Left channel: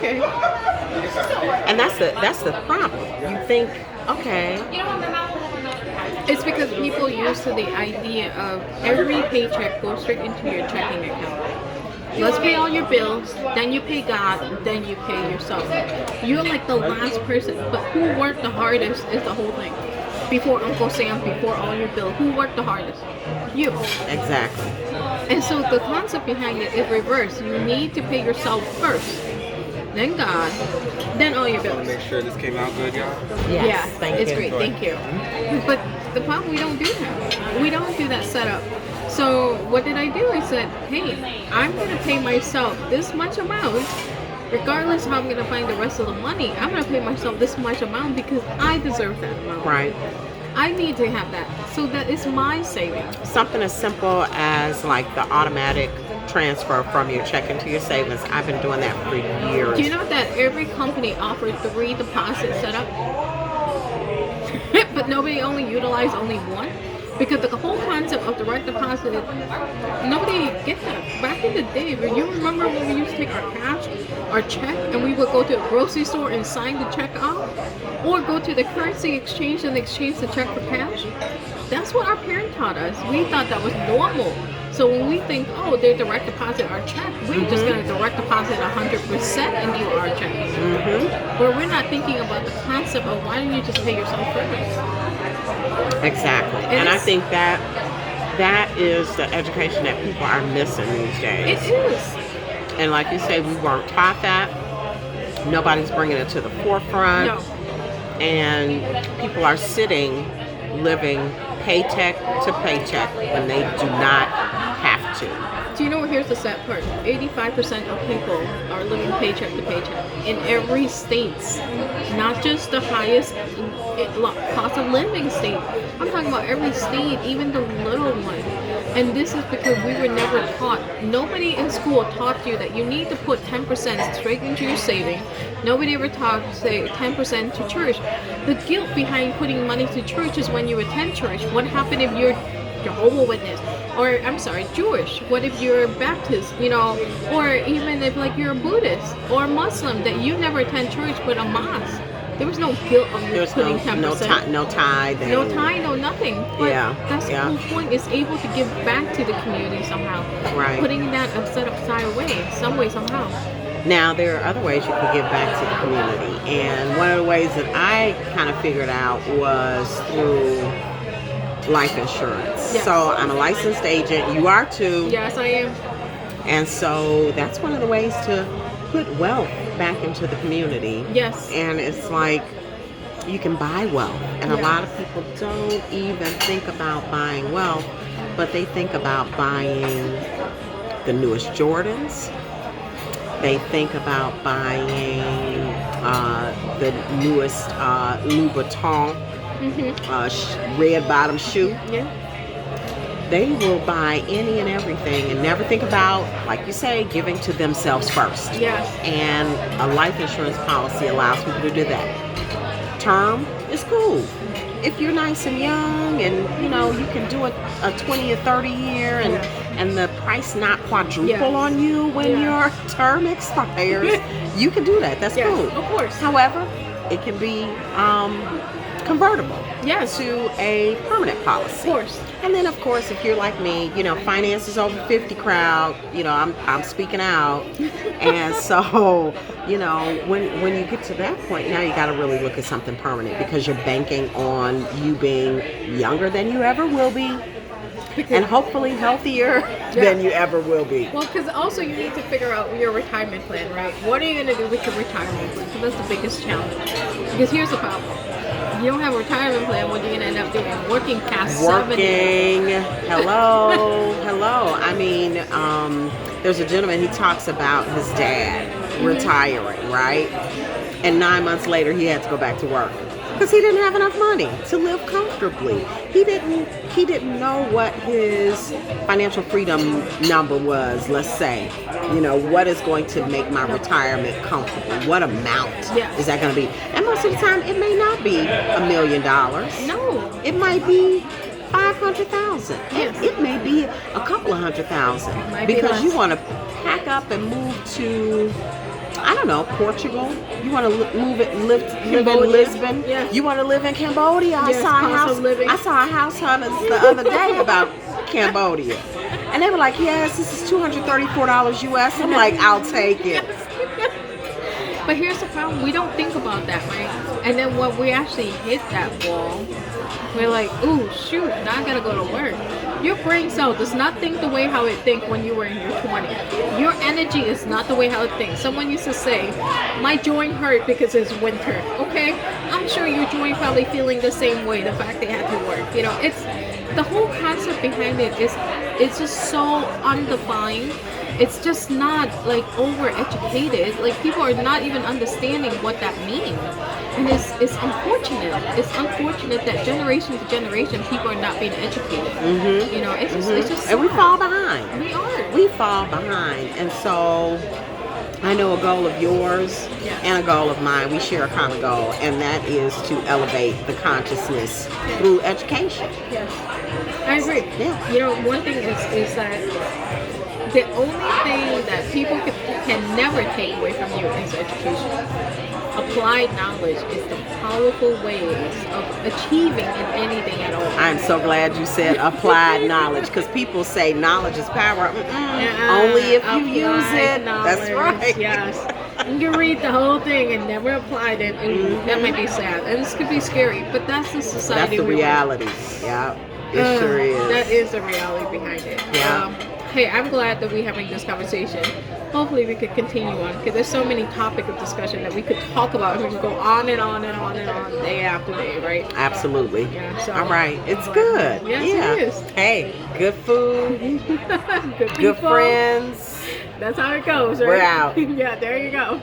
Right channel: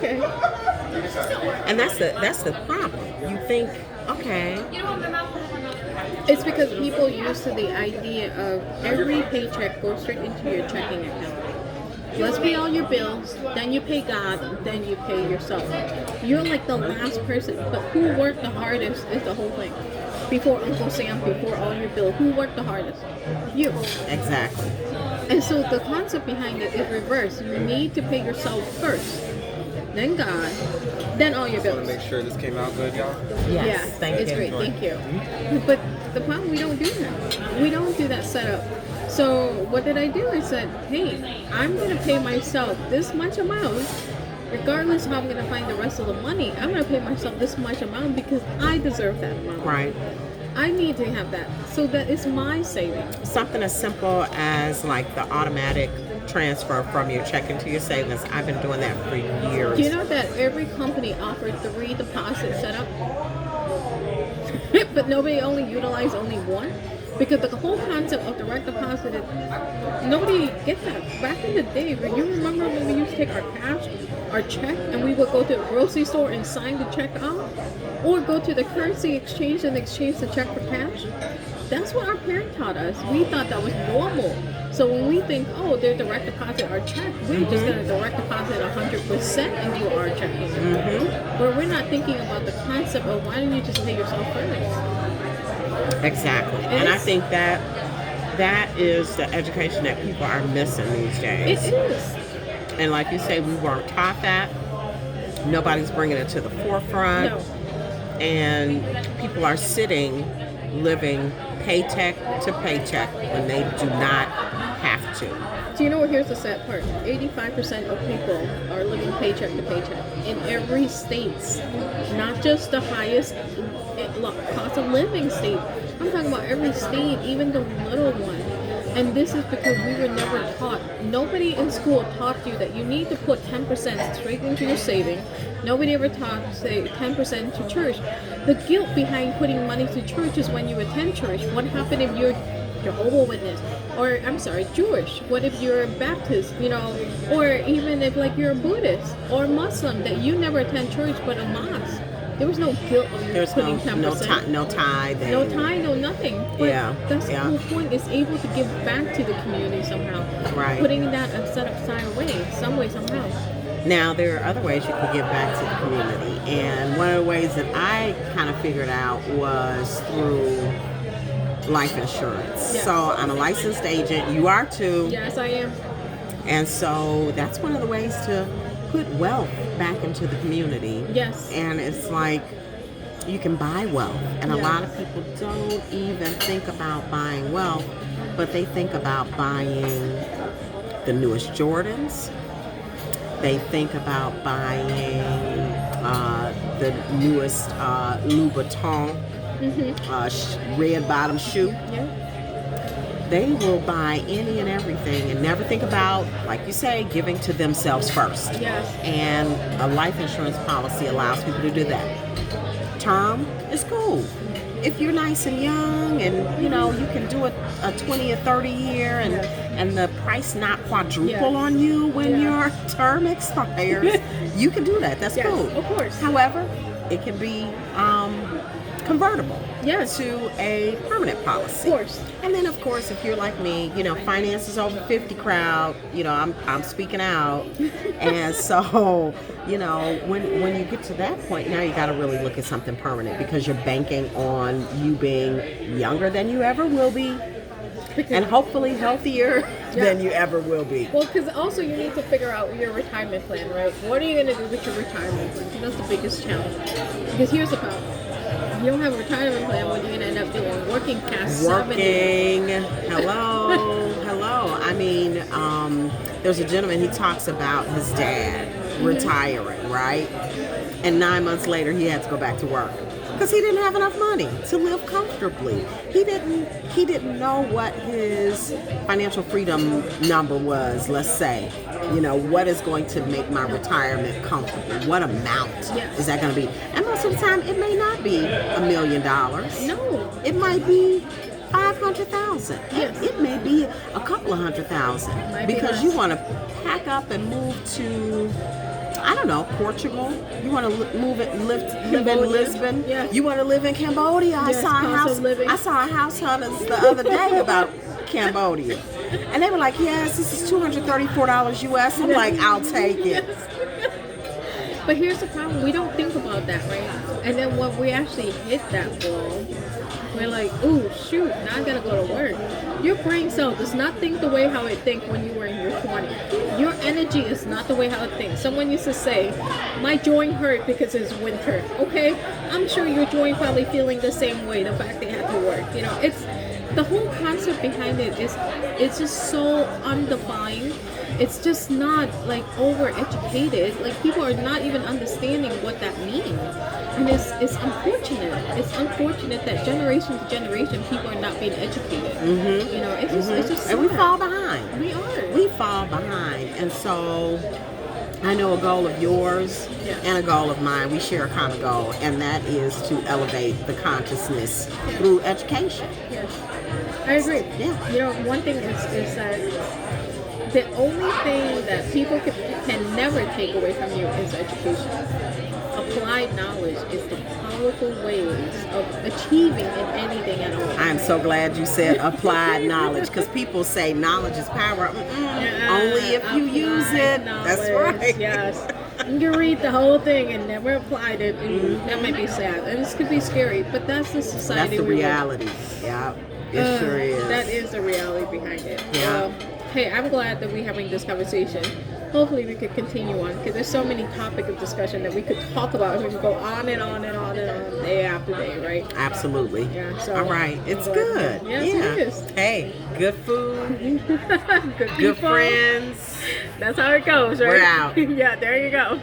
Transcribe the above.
Okay. And that's the problem. You think, okay, It's because people used to the idea of every paycheck goes straight into your checking account. Let's pay all your bills, then you pay God, then you pay yourself. You're like the last person, but who worked the hardest is the whole thing. Before Uncle Sam, before all your bills, who worked the hardest? You. exactly. And so the concept behind it is reverse. You need to pay yourself first, then God, then all your bills. Make sure this came out good, y'all. Yes, Yeah, thank it's you. great. Thank you. But the problem, we don't do that. We don't do that setup. So what did I do? I said, hey, I'm going to pay myself this much amount, regardless of how I'm going to find the rest of the money. I'm going to pay myself this much amount because I deserve that amount. Right. I need to have that. So that is my savings. Something as simple as like the automatic transfer from your checking to your savings. I've been doing that for years. Do you know that every company offers 3 deposit setup? But nobody only utilized only one? Because the whole concept of direct deposit is nobody get that. Back in the day, you remember when we used to take our cash, our check, and we would go to a grocery store and sign the check off? Or go to the currency exchange and exchange the check for cash? That's what our parents taught us. We thought that was normal. So when we think, oh, they direct deposit our check, we're just going to direct deposit 100% into our check. But we're not thinking about the concept of why don't you just pay yourself first? Exactly. And I think that is the education that people are missing these days. It is. And like you say, we weren't taught that. Nobody's bringing it to the forefront. No. And people are sitting, living paycheck to paycheck when they do not have to. Do you know what? Here's the sad part. 85% of people are living paycheck to paycheck in every state, not just the highest cost of living state. I'm talking about every state, even the little one. And this is because we were never taught. Nobody in school taught you that you need to put 10% straight into your saving. Nobody ever taught, say, 10% to church. The guilt behind putting money to church is when you attend church. What happened if you're Jehovah's Witness? Or, I'm sorry, Jewish? What if you're Baptist, Or even if, like, you're a Buddhist or Muslim, that you never attend church but a mosque. There was no guilt on There's putting no 10%. no tithe. No tie, no nothing. But Yeah, that's yeah. the whole point, is able to give back to the community somehow. Right. Putting that set aside away, some way, somehow. Now, there are other ways you can give back to the community. And one of the ways that I kind of figured out was through life insurance. Yes. So I'm a licensed agent. You are too. Yes, I am. And so that's one of the ways to put wealth back into the community. Yes. And it's like you can buy wealth. And a Yeah. lot of people don't even think about buying wealth, but they think about buying the newest Jordans. They think about buying the newest Louis Vuitton red bottom shoe. Yeah. They will buy any and everything and never think about, like you say, giving to themselves first. Yes. And a life insurance policy allows people to do that. Term is cool. If you're nice and young and you can do a 20 or 30 year and the price not quadruple Yes. on you when Yeah. your term expires, you can do that. That's Yes, cool. of course. However, it can be convertible Yes. to a permanent policy. Of course. And then, of course, if you're like me, finances over 50 crowd, I'm speaking out. And so, when you get to that point, now you got to really look at something permanent because you're banking on you being younger than you ever will be and hopefully healthier than you ever will be. Well, because also you need to figure out your retirement plan, right? What are you going to do with your retirement plan? 'Cause that's the biggest challenge. Because here's the problem. If you don't have a retirement plan, what are you going to end up doing? Working past 70. Hello. I mean, there's a gentleman, he talks about his dad retiring, right? And 9 months later, he had to go back to work because he didn't have enough money to live comfortably. He didn't know what his financial freedom number was, let's say. What is going to make my retirement comfortable? What amount is that going to be? And most of the time, it may not be $1 million. No. It might be 500,000. Yes. It may be a couple of 100,000 Might be because less. you want to pack up and move to I don't know, Portugal. You want to live in Cambodia. Lisbon. Yes. You want to live in Cambodia. Yes, cost of living. I saw a house hunters the other day about Cambodia, and they were like, "Yes, this is $234 US." I'm like, "I'll take it." But here's the problem: we don't think about that, right? And then when we actually hit that wall, we're like, "Ooh, shoot! Now I gotta go to work." Your brain cell does not think the way how it think when you were in your 20s. Your energy is not the way how it thinks. Someone used to say, "My joint hurt because it's winter." Okay, I'm sure your joint probably feeling the same way. The fact they had to work, you know, it's the whole concept behind it is it's just so undefined. It's just not like over-educated. Like people are not even understanding what that means, and it's unfortunate. It's unfortunate that generation to generation people are not being educated. Mm-hmm. You know, it's just And we sad. fall behind. We are. We fall behind, and so I know a goal of yours and a goal of mine. We share a common goal, and that is to elevate the consciousness through education. Yes, I agree. Yeah. You know, one thing is that the only thing that people can never take away from you is education. Applied knowledge is the powerful ways of achieving in anything at all. I'm so glad you said applied knowledge, because people say knowledge is power. Only if you use it. That's right. Yes. You read the whole thing and never applied it, and that might be sad. And this could be scary, but that's the society. That's the we live in. reality. Yeah, it sure is. That is the reality behind it. Yeah. Hey, I'm glad that we're having this conversation. Hopefully we could continue on, because there's so many topics of discussion that we could talk about, and we could go on and on and on and on day after day, right? Absolutely. Yeah, so all right. It's good. Yes, yeah. it is. Hey, good food, Good good people. friends. That's how it goes, right? We're out. Yeah, there you go.